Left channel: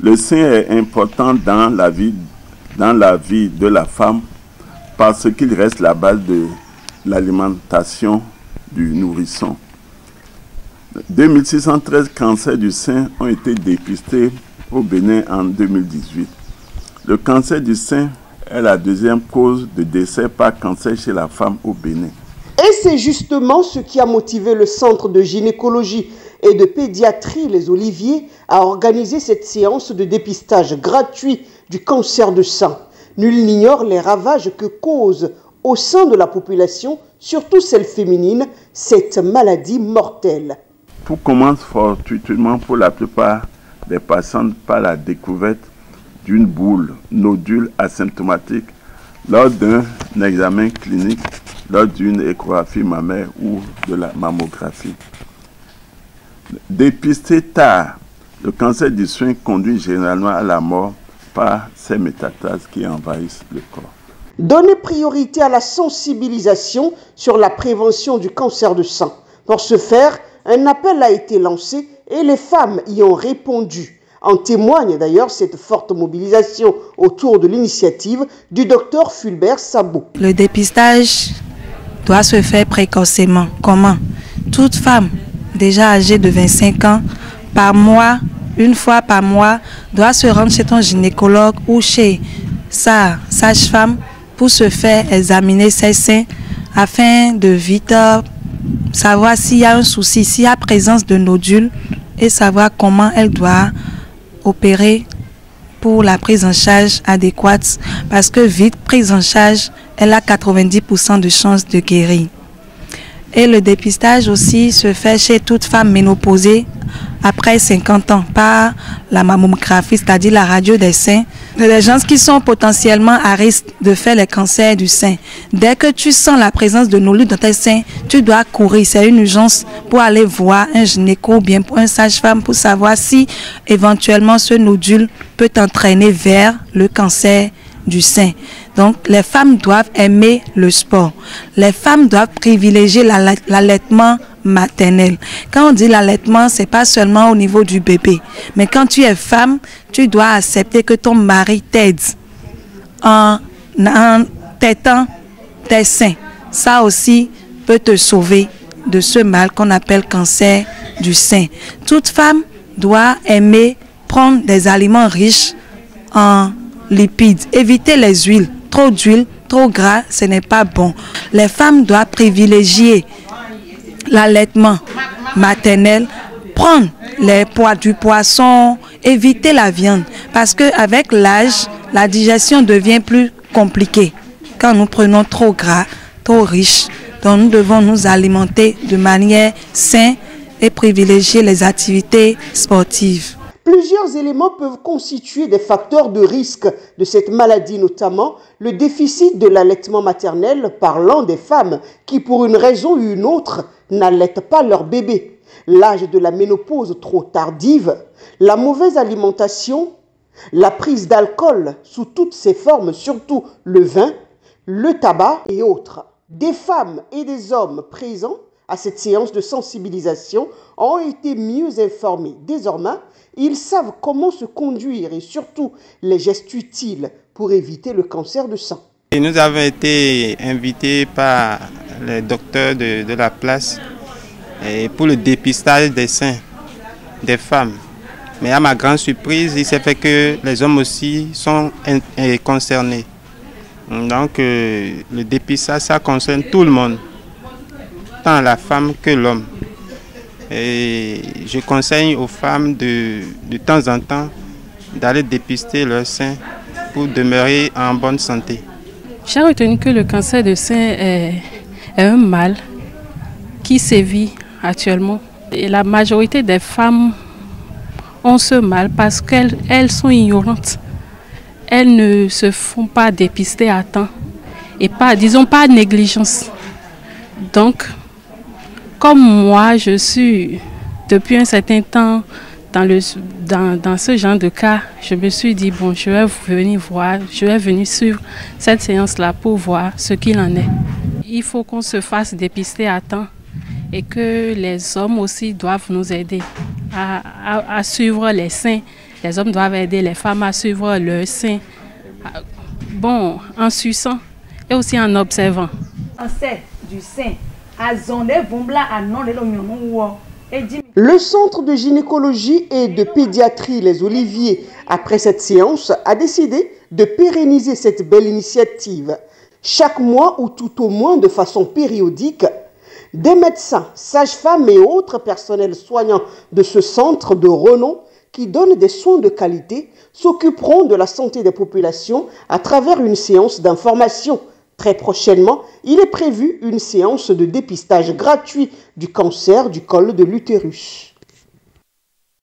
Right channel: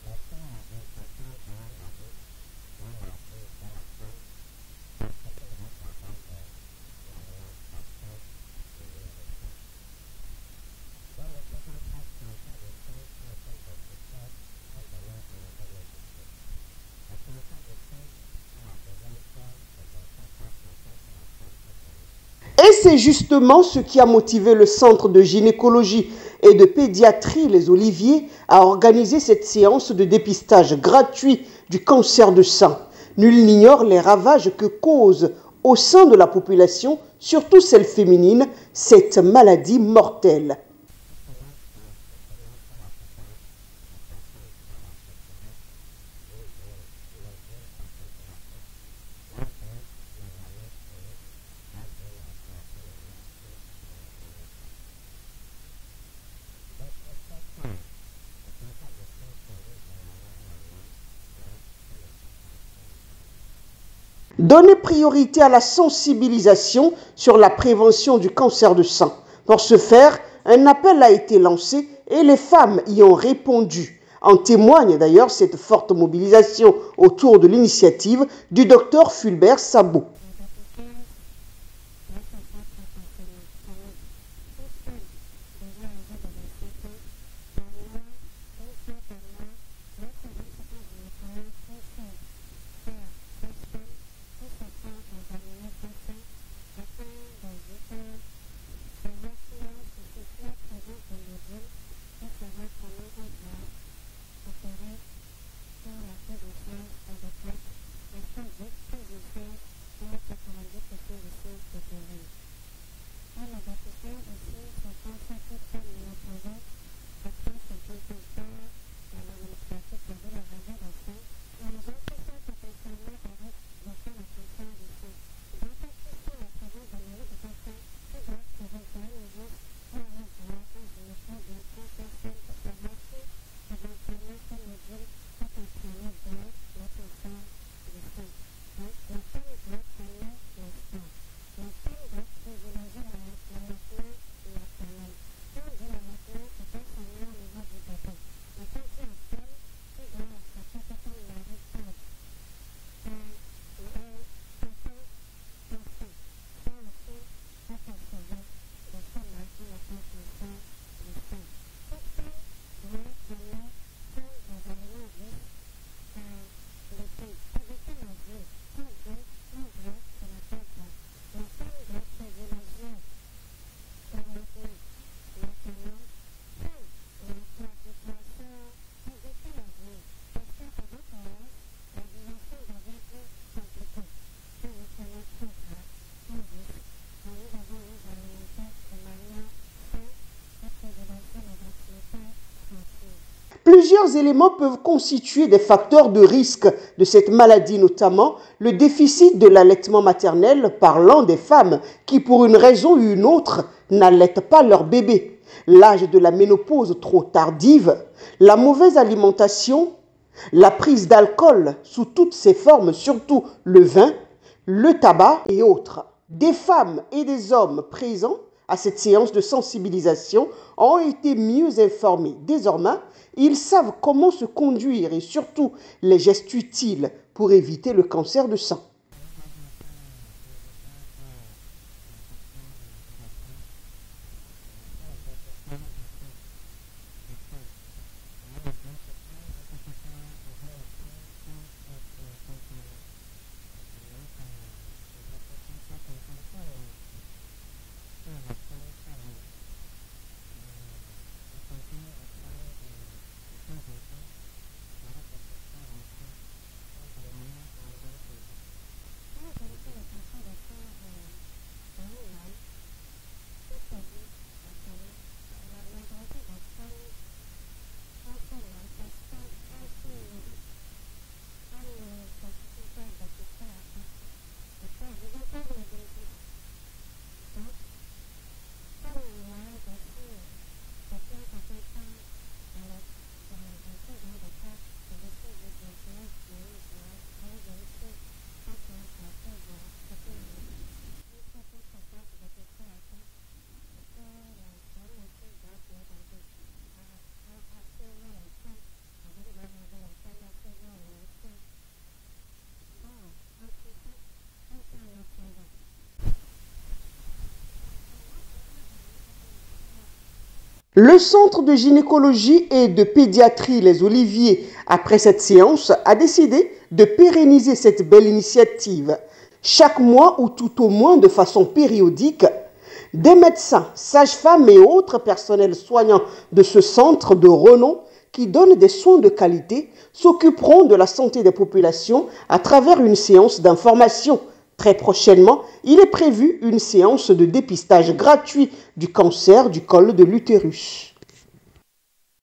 Le sein est important dans la vie de la femme parce qu'il reste la base de l'alimentation du nourrisson. 2613 cancers du sein ont été dépistés au Bénin en 2018. Le cancer du sein est la deuxième cause de décès par cancer chez la femme au Bénin. Et c'est justement ce qui a motivé le Centre de gynécologie et de pédiatrie Les Oliviers à organiser cette séance de dépistage gratuit du cancer du sein. Nul n'ignore les ravages que cause au sein de la population, surtout celle féminine, cette maladie mortelle. Tout commence fortuitement pour la plupart des patientes par la découverte d'une boule, nodule asymptomatique lors d'un examen clinique, lors d'une échographie mammaire ou de la mammographie. Dépisté tard, le cancer du sein conduit généralement à la mort par ces métastases qui envahissent le corps. Donner priorité à la sensibilisation sur la prévention du cancer du sein. Pour ce faire, un appel a été lancé et les femmes y ont répondu. En témoigne d'ailleurs cette forte mobilisation autour de l'initiative du docteur Fulbert Sabot. Le dépistage doit se faire précocement. Comment? Toute femme déjà âgée de 25 ans, par mois, une fois par mois, doit se rendre chez ton gynécologue ou chez sa sage-femme pour se faire examiner ses seins afin de vite savoir s'il y a un souci, s'il y a présence de nodules et savoir comment elle doit opérer pour la prise en charge adéquate parce que vite prise en charge, elle a 90% de chances de guérir. Et le dépistage aussi se fait chez toute femme ménopausée après 50 ans par la mammographie, c'est-à-dire la radio des seins. Les gens qui sont potentiellement à risque de faire les cancers du sein. Dès que tu sens la présence de nodules dans tes seins, tu dois courir. C'est une urgence pour aller voir un gynéco ou bien pour un sage-femme pour savoir si éventuellement ce nodule peut t'entraîner vers le cancer du sein. Donc, les femmes doivent aimer le sport. Les femmes doivent privilégier l'allaitement maternel. Quand on dit l'allaitement, c'est pas seulement au niveau du bébé. Mais quand tu es femme, tu dois accepter que ton mari t'aide en tétant tes seins. Ça aussi peut te sauver de ce mal qu'on appelle cancer du sein. Toute femme doit aimer prendre des aliments riches en lipides. Éviter les huiles. Trop d'huile, trop gras, ce n'est pas bon. Les femmes doivent privilégier l'allaitement maternel, prendre du poisson, éviter la viande. Parce qu'avec l'âge, la digestion devient plus compliquée. Quand nous prenons trop gras, trop riche, donc nous devons nous alimenter de manière saine et privilégier les activités sportives. Plusieurs éléments peuvent constituer des facteurs de risque de cette maladie, notamment le déficit de l'allaitement maternel, parlant des femmes qui, pour une raison ou une autre, n'allaitent pas leur bébé, l'âge de la ménopause trop tardive, la mauvaise alimentation, la prise d'alcool sous toutes ses formes, surtout le vin, le tabac et autres. Des femmes et des hommes présents à cette séance de sensibilisation ont été mieux informés. Désormais, ils savent comment se conduire et surtout les gestes utiles pour éviter le cancer du sein. Et nous avons été invités par les docteurs de la place pour le dépistage des seins des femmes. Mais à ma grande surprise, il s'est fait que les hommes aussi sont concernés. Donc le dépistage, ça concerne tout le monde, tant la femme que l'homme. Et je conseille aux femmes de temps en temps d'aller dépister leurs seins pour demeurer en bonne santé. J'ai retenu que le cancer de sein est un mal qui sévit actuellement. Et la majorité des femmes ont ce mal parce qu'elles sont ignorantes. Elles ne se font pas dépister à temps et pas négligence. Donc, comme moi, je suis depuis un certain temps dans ce genre de cas, je me suis dit, bon, je vais venir suivre cette séance-là pour voir ce qu'il en est. Il faut qu'on se fasse dépister à temps et que les hommes aussi doivent nous aider à suivre les seins Les hommes doivent aider les femmes à suivre leur sein, bon, en suçant et aussi en observant. Le centre de gynécologie et de pédiatrie Les Oliviers, après cette séance, a décidé de pérenniser cette belle initiative. Chaque mois ou tout au moins de façon périodique, des médecins, sages-femmes et autres personnels soignants de ce centre de renom qui donnent des soins de qualité s'occuperont de la santé des populations à travers une séance d'information. Très prochainement, il est prévu une séance de dépistage gratuit du cancer du col de l'utérus.